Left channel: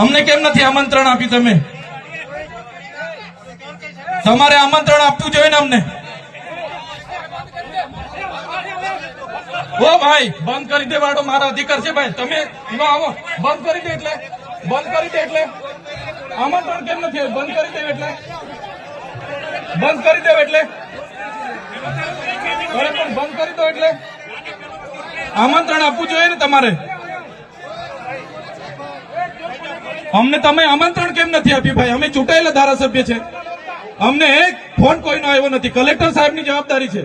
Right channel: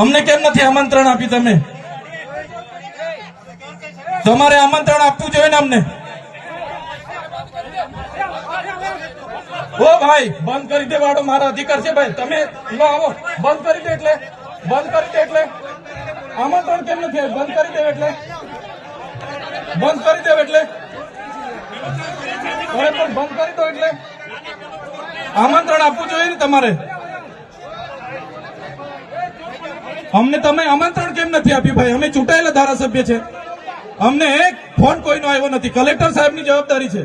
અમને કેમ નથી આમંત્રણ આપી? તમે તમારે આમંત્રણ આપવું જોઈએ ને અમને. ઓ ભાઈ, બંધ કરી દેવાડો, મારા અધિકાર છે ભાઈ. તમે આવો, બંધ કરી દે એટલે આમંત્રણ કેમ નથી? બંધ કરી દે એટલે બંધ કરી દો એટલે આમંત્રણ આપવું જોઈએ ને તમારે. અમને તમે આમંત્રણ કેમ નથી આપ્યું ભાઈ? અમે ચૂંટાયેલા ધારાસભ્ય છે, અમને એક ફોન કોઈનો આવ્યો નથી. કલેક્ટર સાહેબની જવાબદારી છે.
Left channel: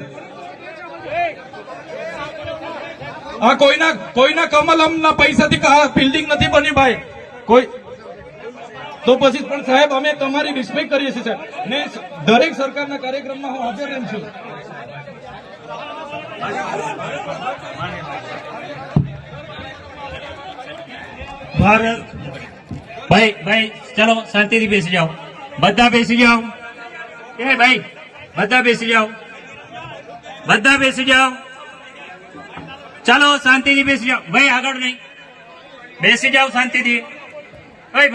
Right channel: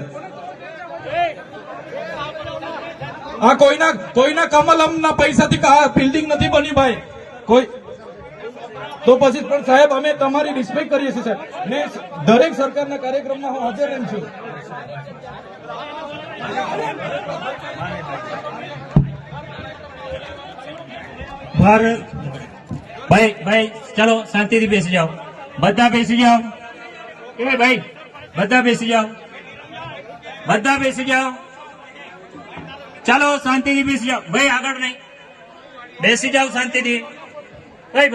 આ કોઈના કમલમના પૈસાથી બિલ્ડિંગ નથી બની ભાઈ. કોઈ તો પછી પણ સાહેબ, અમે તમારી રિસ્પેક્ટ કરીએ છીએ સાહેબ, ને દરેક સરકારના કાર્યક્રમમાં હું હાજર રહું છું. ભાઈ ચલો શાંતિથી બેસી જાઓ, બધા બેસી જાઓ. એ ભાઈ બધા બેસી જાઓ, ચાલો શાંતિથી બેસી જાઓ. ભાઈ આગળ નહીં, બેસી જાઓ શાંતિથી. ભાઈ